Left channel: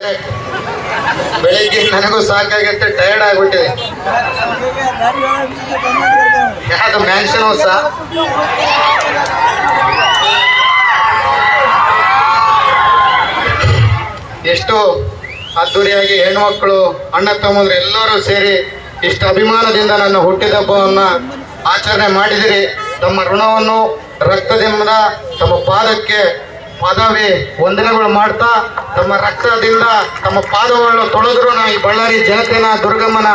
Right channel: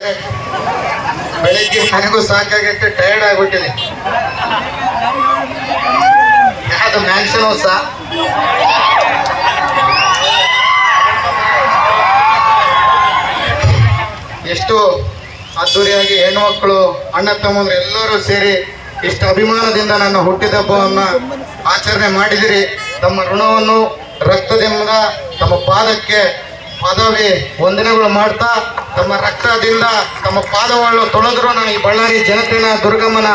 ಬೆಳಿಗ್ಗೆ ನನಗೂ ಸಾಕಾಗೈತೆ, ಟೈರ್ಡ್ ಆಗ್ಬಿಟ್ಟಿದೆ. ಯಾವ್ದು ಮ್ಯಾನ್ಷನ್ ಹೊಸ ಎಷ್ಟು ಅದ್ದೂರಿಯಾಗಿ ಹೆಣ್ಮಕ್ಳು ಅಣ್ಣ ತಮ್ಮಂದ್ರು ಎಲ್ಲರೂ ಸೇರಿ ಇಷ್ಟು ಅಭಿಮಾನದಿಂದ ನನ್ನ ಹುಟ್ಟಿದಬ್ಬವನ್ನ ಆಚರಣೆ ಮಾಡಿದಿರಿ. ತಮ್ಮ ಋಣವನ್ನು ರಕ್ತದಿಂದ ತಮ್ಮ ಪಾದಕ್ಕೆ ಪದವಿ ವಂದನೆಗಳು ಮಾಡ್ತಾ ತಮ್ಮ ರಕ್ತದಿಂದ ತಮ್ಮ ಪಾದವನ್ನು ತೊಳೆದ್ರು ನಾ ಈ ಬಳ್ಳಾರಿ ಜನತೆನ ದುರ್ಗಮ್ಮನ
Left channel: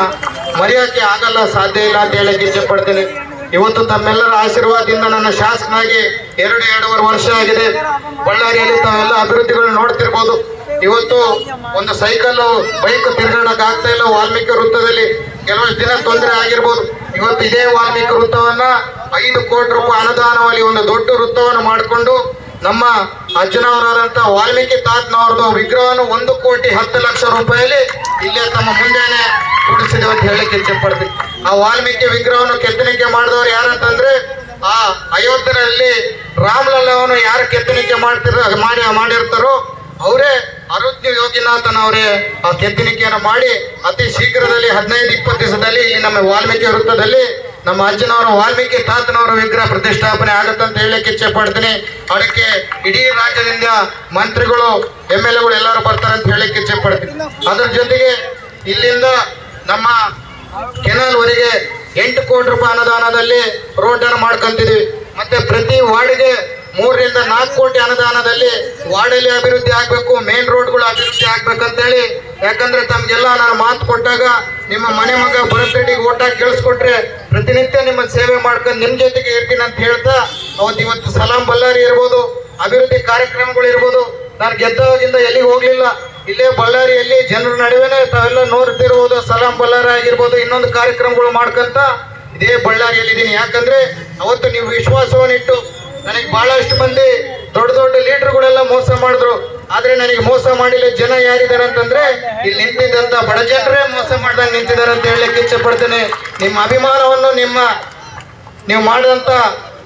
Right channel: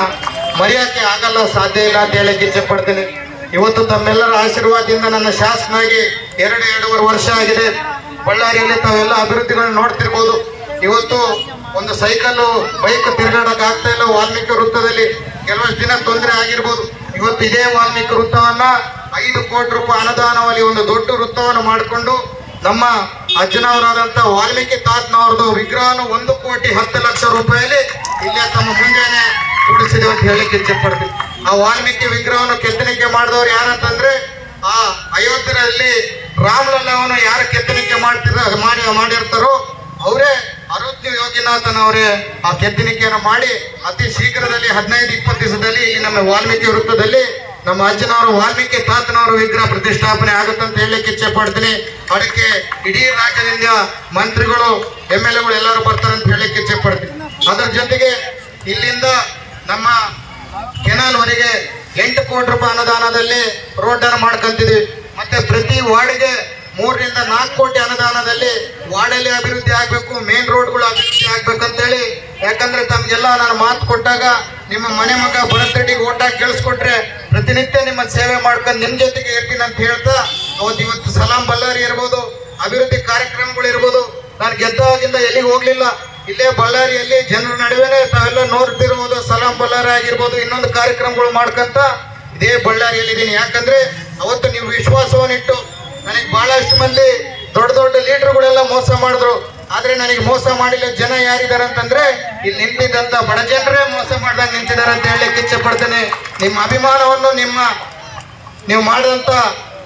ಮರೆಯೋಕ್ಕೆ ಆಗಲ್ಲ, ಸಾಧ್ಯ ಇಲ್ಲ ಅಂತ ಹೇಳಕ್ಕೆ ಇಚ್ಛೆ ಪಡ್ತೀನಿ. ಇವತ್ತು ತಮ್ಮೆಲ್ಲರ ಆಶೀರ್ವಾದದಿಂದ ನನ್ನ ಶಾಸಕನಾಗಿ 2.5 ವರ್ಷ ಆಗಿದೆ. ಬಳ್ಳಾರಿಯಲ್ಲಿ ತಾವೆಲ್ಲ ಅಭಿವೃದ್ಧಿಗಳನ್ನ ನೋಡ್ತಿರ್ಬೋದು. ಇವತ್ತು ಒಂದು ಸೈಕಲ್ ಬೈಕ್ ತಿರುಗಾಡಕ್ ಆಗ್ತಾ ಇಲ್ಲ. ವಾಲ್ಮೀಕಿ ವೃತ್ತದಲ್ಲಿ ಕೆಲವಷ್ಟು ದಿನ ತೊಂದರೆ ಆಗಿರ್ಬೋದು. ಇವತ್ತು ಇದೇ ವಾಲ್ಮೀಕಿ ವೃತ್ತವನ್ನ 5 ಕೋಟಿ ರೂಪಾಯಿ ಅನುದಾನವಾಗಿ ಒಂದು ದೊಡ್ಡ ವೃತ್ತವನ್ನು ಮಾಡಿಕೊಂಡು ನಮ್ಮ ಅಜ್ಜನವರಾದಂತ ವಾಲ್ಮೀಕಿ ತಾತನವ್ರದ್ದು ವಿಗ್ರಹನು 1,10,00,000 ರೂಪಾಯಲ್ಲಿ ಇಲ್ಲೇ ತಮ್ಮ ಮುಂದೆನೆ ಕೂಡಿಸಿದೆ ಅಂತ ಹೇಳಕ್ಕೆ ಇಚ್ಛೆ ಪಡ್ತೀವಿ. ಆ ವಾಲ್ಮೀಕಿ ವಿಗ್ರಹವನ್ನು ಕೆತ್ತನಿಕೆ ಮಾಡಿದವರು ಯಾರಂತಂದ್ರೆ ಆ ಅಯೋಧ್ಯೆಯಲ್ಲಿ ರಾಮಲಲ್ಲವನ್ನು ಯಾರು ಕೆತ್ತನಿಕೆ ಮಾಡಿರ್ತಾರೋ ಅವರೇ ಅರುಜ್ಞ ಯೋಗಿನಾಥನ್ ಅವರೇ ಆ ಕೆತ್ತನಿಕೆಯನ್ನು ಮಾಡಿ ಅತಿ ಶೀಘ್ರದಲ್ಲಿ 15-20 ದಿವಸದಲ್ಲಿ ನಮ್ಮ ವಾಲ್ಮೀಕಿ ವೃತ್ತದಲ್ಲಿ ನಮ್ಮ ಅಜ್ಜನವರು ವಾಲ್ಮೀಕಿ ತಾತನವರ ವಿಗ್ರಹ ಪ್ರತಿಷ್ಠಾಪನೆ ಆಗುತ್ತಂತ ಹೇಳಕ್ಕೆ ಇಚ್ಛೆ ಪಡ್ತೀನಿ. ಅದಕ್ಕೆ ಇಡೀ ರಾಜ್ಯದಿಂದ ಮಂತ್ರಿಗಳು MLA ಎಲ್ಲರೂ ಬರ್ತಾರೆ ಅಂತ ಹೇಳಕ್ಕೆ ಇಚ್ಛೆ ಪಡ್ತೀನಿ. ಅದರ ಜೊತೆಗೆ ಇಲ್ಲಿಂದ ನಮ್ಮ ಕೆನಾಲ್ ವರೆಗೆ 8 ಕೋಟಿ ರೂಪಾಯಿ ಅನುದಾನದಲ್ಲಿ ರೋಡ್ ಅನ್ನು ಮಾಡ್ಕೊಂತಿದ್ವಿ. ಮತ್ತೆ ಪ್ರತಿ ವಾರ್ಡ್ಗೆ 3-4 ಕೋಟಿ ಅನುದಾನದಲ್ಲಿ ವಾರ್ಡಲ್ಲಿ ಅಭಿವೃದ್ಧಿ ಆಗ್ಬೇಕು, ಮೇನ್ ರೋಡ್ಗಳು ಅಭಿವೃದ್ಧಿ ಆಗ್ಬೇಕಂತೇಳಿ. ಯಾಕಂದ್ರೆ ತಮ್ಗೆಲ್ಲ ನಾನು ಮಾತು ಕೊಟ್ಟಾಗ ನಿಮ್ಮ ಮನೆ ಮಗ ಭರತ್ ರೆಡ್ಡಿಗೆ ಓಟಾಗಿ ಕೇಳಿಸ್ಕೊಟ್ರೆ ಪ್ರತಿನಿತ್ಯ ನಿಮ್ಮ ಸೇವೆ ಮಾಡ್ಕೊಂಡು ನಿಮ್ ಜೊತೆಗೆ ಇರ್ತೀನಿ ಅಂತ ಹೇಳ್ತಾ ಇವತ್ತು ಸಲಾಂ ಬಳ್ಳಾರಿ ಇರ್ಬೋದು, ಅಭಿವೃದ್ಧಿ ಕಾರ್ಯಕ್ರಮಗಳು ಇರ್ಬೋದು. ನಾನು ಗೆದ್ದಾಗಿಂದ ಎಲ್ಲಿಗೆ ಹೋಗ್ಲಿಲ್ಲ, ಇಲ್ಲೇ ಬಳ್ಳಾರಿಯಲ್ಲಿ ಜನರ ನಡುವೆನೆ ತಾವೆಲ್ಲ ನೋಡ್ತಿರ್ಬೋದು. ಸಲಾಂ ಬಳ್ಳಾರಿ ಆಗಿರ್ಬೋದು, ಇನ್ನೊಂದು ಕಾರ್ಯಕ್ರಮಗಳು ಮಾಡ್ಕೊಂತ ಇದೇ ಬಳ್ಳಾರಿಯಲ್ಲಿ ಇದ್ದೀನಿ. ಯಾಕಂದ್ರೆ ಅವತ್ತು ನೀವು ವಿಶ್ವಾಸವನ್ನಿಟ್ಟು ನನಗೆ ಬಹಳಷ್ಟು ಮಂದಿ ದೊಡ್ಡ ದೊಡ್ಡ ಲೀಡರ್ಗಳೆಲ್ಲ ಮೋಸ ಮಾಡಿದ್ರು. ಆದ್ರೆ ನನಗೆ ಮೋಸ ಮಾಡಿಲ್ಲ ಜನ ಯಾರಿದ್ದಾರೆ ಅಂತಂದ್ರೆ ಇಲ್ಲಿ ನಿಂತಿದ್ದಂತ ಬಡ ಜನರೇ ಮೋಸ ಮಾಡ್ದಂಗೆ ನಿಂತಿದ್ದಾರೆ ಅಂತ ಹೇಳಕ್ಕೆ ಇಚ್ಛೆ ಪಡ್ತೇನೆ. ನಿಮ್ಮ ಅಭಿಮಾನವನ್ನು ನೀವು ಮಾಡಿದಂತ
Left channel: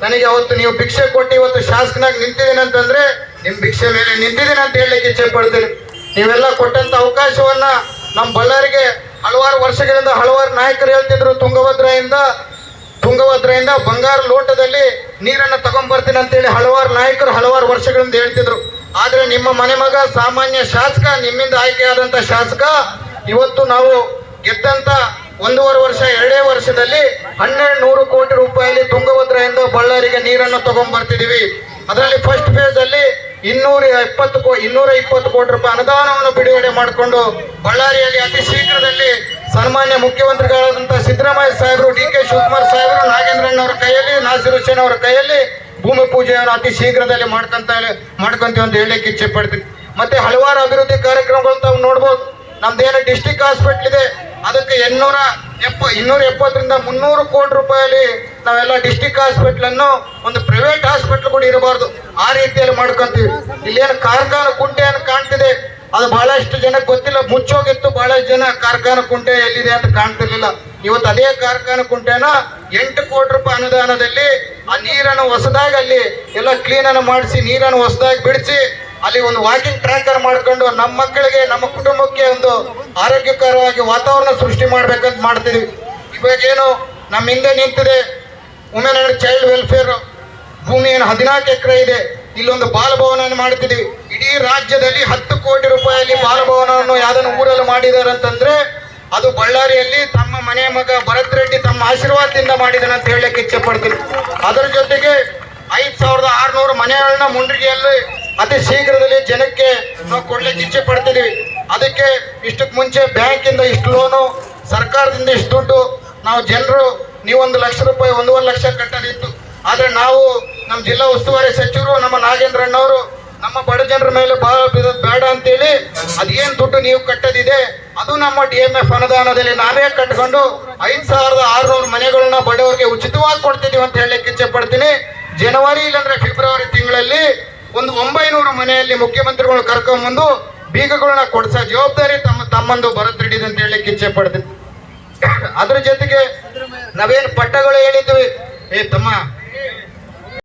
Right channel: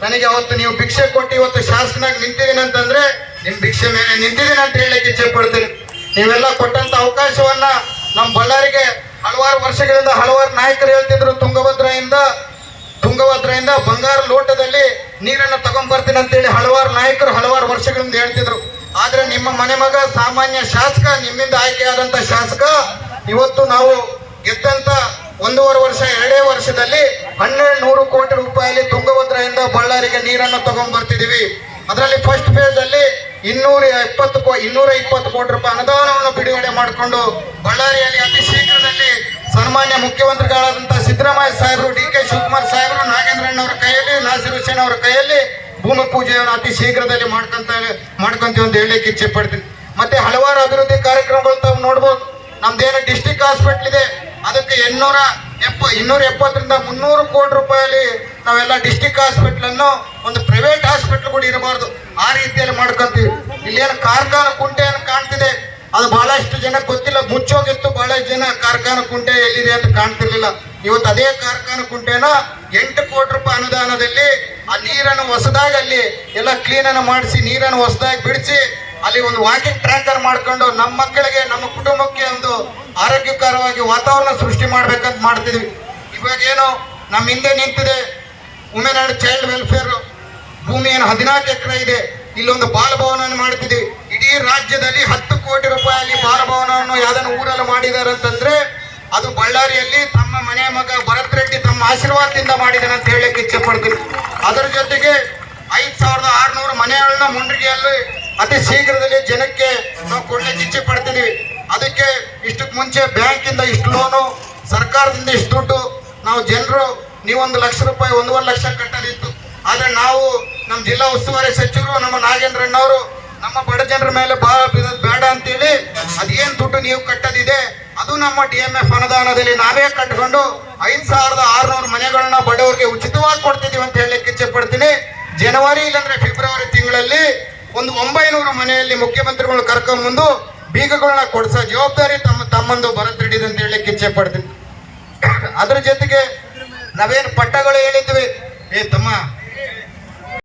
ನನಗೆ ಅವತ್ತು ನೀವು ಭಿಕ್ಷೆ ಕೊಟ್ಟು ಇವತ್ತು ಶಾಸಕನಾಗಿ ನಿಂತಿದ್ದೀನಿ ಅಂತಂದ್ರೆ ನಿಮ್ ಭಿಕ್ಷೆ ಮೇಲೆ ನಿಂತಿದ್ದೀನಿ ಅಂತ ಹೇಳಕ್ಕೆ ಇಚ್ಛೆ ಪಡ್ತೀನಿ. ನೀವೆಲ್ಲ ಕೊಟ್ಟಂತ ಅವಕಾಶವನ್ನ ನಮ್ಮ ಬಳ್ಳಾರಿಗೆ ಹಲವಾರು ವರ್ಷಗಳಿಂದ ಹಲವಾರು ನಾಯಕರು ಹೇಳ್ತಿದ್ರು, ತುಂಗಭದ್ರೆಯಿಂದ ಬಂಗಾರ ಲೋಟದಲ್ಲಿ ನೀರನ್ನ ತಗೊಂಡ್ಬರ್ತೀನಿ ಅಂತೇಳಿ ಹಲವಾರು ನಾಯಕರು ಹಲವಾರು ವರ್ಷಗಳಿಂದ ಹೇಳ್ತಿದ್ರು. ಆದ್ರೆ ನಿಮ್ಮ ಮನೆ ಮಗ ಸಾಮಾನ್ಯ ಶಾಸಕ, ನಿಮ್ಮಿಂದ ಆಯ್ಕೆಯಾದಂತ ಶಾಸಕ ಇವತ್ತು ನಾವು ಗೆದ್ದಂತ 1.5 ವರ್ಷ 2 ವರ್ಷದಲ್ಲಿ 1,200 ಕೋಟಿ ರೂಪಾಯಿ ತುಂಗಭದ್ರೆಯಿಂದ ಬಳ್ಳಾರಿಗೆ ನೀರನ್ನು ತಗೊಂಡ್ಬರ್ತಿದೀವಿ. ಅದರಲ್ಲಿ ಫಸ್ಟ್ ಫೇಸ್ ಅಲ್ಲಿ 220 ಕೋಟಿ ರೂಪಾಯಿ ಅನುದಾನವನ್ನು ಬಿಡುಗಡೆ ಮಾಡಿಕೊಂಡು ಬಳ್ಳಾರಿಯಲ್ಲಿ ಅತಿ ಶೀಘ್ರದಲ್ಲಿ ಸನ್ಮಾನ್ಯ ಮುಖ್ಯಮಂತ್ರಿಗಳಾದಂತಹ ಸಿದ್ದರಾಮಯ್ಯ ಸಾಹೇಬರು, DK ಶಿವಕುಮಾರ್ ಸಾಹೇಬರು, ನಾಗೇಂದ್ರಣ್ಣ ಅವರ ಕೈಯಲ್ಲಿ, ನಾಸೀರ್ ಹುಸೇನ್ ಅವರ ಕೈಯಲ್ಲಿ ಭೂಮಿ ಪೂಜೆಯನ್ನು ಅತಿ ಶೀಘ್ರದಲ್ಲಿ ಮಾಡ್ಕೊಂತೀವಿ ಅಂತ ಹೇಳಕ್ಕೆ ಇಚ್ಛೆ ಪಡ್ತೀನಿ. ಮತ್ತೆ ಹಲವಾರು ಅಭಿವೃದ್ಧಿ ಕಾರ್ಯಕ್ರಮಗಳು ತಾವು ನೋಡ್ಬೋದು. ನಮ್ದೇನು ಡಿಸ್ಟಿಕ್ ಹಾಸ್ಪಿಟಲ್ ಇದೆ, ಅದಕ್ಕೆ 270ರಿಂದ 300 ಕೋಟಿ ರೂಪಾಯಲ್ಲಿ ನಾವೆಲ್ಲ ಡಿಸ್ಟಿಕ್ ಹಾಸ್ಪಿಟಲ್ ಅನ್ನು ಒಂದು ಪ್ರೈವೇಟ್ ಹಾಸ್ಪಿಟಲ್ ಕೂಡ ಇರಬಾರ್ದು, ಆ ರೀತಿಯಲ್ಲಿ ಮಾಡ್ಕೊಂತೀವಿ. ಇಲ್ಲೇನು ಕಾರ್ಖಾನೆ ಕುಂಟೆಯನ್ನು ಕಾಣ್ತಿದೆ, ಅದು ಬಹಳಷ್ಟು ಜನಕ್ಕೆ ಗೊತ್ತಿಲ್ಲ, ಮುಚ್ಚೋಗಿತ್ತು. ಬಹಳಷ್ಟು ಜನ ಕಾರ್ಖಾನೆ ಕುಂಟೆ ಎಲ್ಲಿದೆ ಅಂತ ಕಾಣ್ತಿರ್ಲಿಲ್ಲ. ಇವತ್ತು ಅದೇ ಕಾರ್ಖಾನೆ ಕುಂಟೆನ 8 ಕೋಟಿ ರೂಪಾಯಿ ಅನುದಾನದಲ್ಲಿ ಆ ನೀರನ್ನು ಹೊಸದಾಗಿ ಅಲ್ಲಿ ಎಲ್ಲ ಕ್ಲೀನ್ ಅನ್ನು ಮಾಡಿಸಿ ನೀರನ್ನು ಹೊಸದಾಗಿ ಬಿಡಿಸಿ ಅಲ್ಲಿ ಒಂದು ವಾಕಿಂಗ್ ಟ್ರ್ಯಾಕ್ ಅನ್ನು ಮಾಡ್ಕೊಂಡು ನಮ್ಮ ಮಕ್ಕಳಿಗೆ ನಮ್ಮ ಕುಟುಂಬಕ್ಕೆ ಒಂದು ಆರೋಗ್ಯಕರವಾಗಿ ವಾತಾವರಣ ಸೃಷ್ಟಿ ಮಾಡ್ಬೇಕಂತ ಮಾಡ್ತಿದ್ವಿ. ಇವಾಗೇನು ನಮ್ಮ ಹಿಂದೆ ನಿಂತಿದೆ ವುಮೆನ್ ಅಂಡ್ ಚೈಲ್ಡ್ ವೆಲ್ಫೇರ್ ಭೂಮಿ ಏನು 14 ಎಕರೆ ಇದೆ, ಇಲ್ಲೊಂದು ಬಾಲಭವನ ಮಾಡ್ತಿದ್ವಿ. ಇಡೀ ರಾಜ್ಯದಲ್ಲಿ 10 ಕೋಟಿ ರೂಪಾಯಿಯಲ್ಲಿ ಬಾಲಭವನವನ್ನು ಯಾವ್ದನ್ನು ಊರಲ್ಲಿ ಮಾಡಿದ್ದಾರೆ ಅಂತಂದ್ರೆ ಅದು ಬಳ್ಳಾರಿಯಲ್ಲಿ ತಮ್ಮ ಮನೆ ಮಗ ಭರತ್ ರೆಡ್ಡಿ ತಮ್ಮ ಆಶೀರ್ವಾದದಿಂದ ಮಾಡಿದಾನೆ ಅಂತ ಹೇಳಕ್ಕೆ ಇಚ್ಛೆ ಪಡ್ತೀನಿ. ಅದರ ಜೊತೆಗೆ 5,600 ಮನೆಗಳನ್ನ ಮುಂಡ್ರಿಗೆಯಲ್ಲಿ ಅತಿ ಶೀಘ್ರದಲ್ಲಿ ಜನಕ್ಕೆ ನಾವು ಕೊಡ್ಲಿಕ್ಕೆ ಇಚ್ಛೆ ಪಡ್ತಿದೀವಿ. ಅದಕ್ಕೆ ಇಷ್ಟಕ್ಕೆ ಮುಂಚೆ ಬ್ಯಾಂಕಿಂದ ಇಷ್ಟು ಲೋನು, ಸರ್ಕಾರದಿಂದ ಇಷ್ಟು ದುಡ್ಡು, ನಾವು ಜನರು ನೀವು 1 ಲಕ್ಷ ರೂಪಾಯಿ 1.5 ಲಕ್ಷ ಕಟ್ಟೋದಿತ್ತು. ಆದ್ರೆ ನಾವು ನಮ್ಮ ಜಿಲ್ಲಾ ಉಸ್ತುವಾರಿ ಸಚಿವರು ನಮ್ಮ ನಾಗೇಂದ್ರಣ್ಣವರು ನಮ್ಮ ಬಡ ಜನರ ಮೇಲೆ ಬೇಡ ಅಂತೇಳಿ ಅದೇನ್ ದುಡ್ಡು ನೀವು ಕಟ್ಟದಿದೆ ಅದು ನಮ್ಮ DMF ಅನುದಾನದಲ್ಲಿ ನಾವೇ ಕಟ್ಕೊಂಡು 5,600 ಮನೆಗಳನ್ನ ಬಡವರಿಗೆ ಉಚಿತವಾಗಿ ಕೊಡ್ತಿದೀವಿ ಅಂತ ಹೇಳಲಿಕ್ಕೆ ಇಚ್ಛೆ ಪಡ್ತೀನಿ. ಜನವರಿ ಇಲ್ಲಾಂದ್ರೆ ಫೆಬ್ರವರಿ ತಿಂಗಳಲ್ಲಿ ಒಂದು 900 ಮನೆಯಲ್ಲಿ ಮುಖ್ಯಮಂತ್ರಿಗಳು ಕರ್ಕೊಂಡ್ಬಂದು ಬೀಗಗಳನ್ನ ಕೊಡಿಸೋ ಜವಾಬ್ದಾರಿ ತಮ್ಮಂದು ಭರತ್ ರೆಡ್ಡಿ ಅಂತ ಹೇಳಲಿಕ್ಕೆ ಇಚ್ಛೆ ಪಡ್ತೀನಿ. ಅದ್ರ ಜೊತೆಗೆ ನಾವೇನು ಪಟ್ಟಗಳು ಹೇಳಿದ್ವಿ, ತಮ್ಮ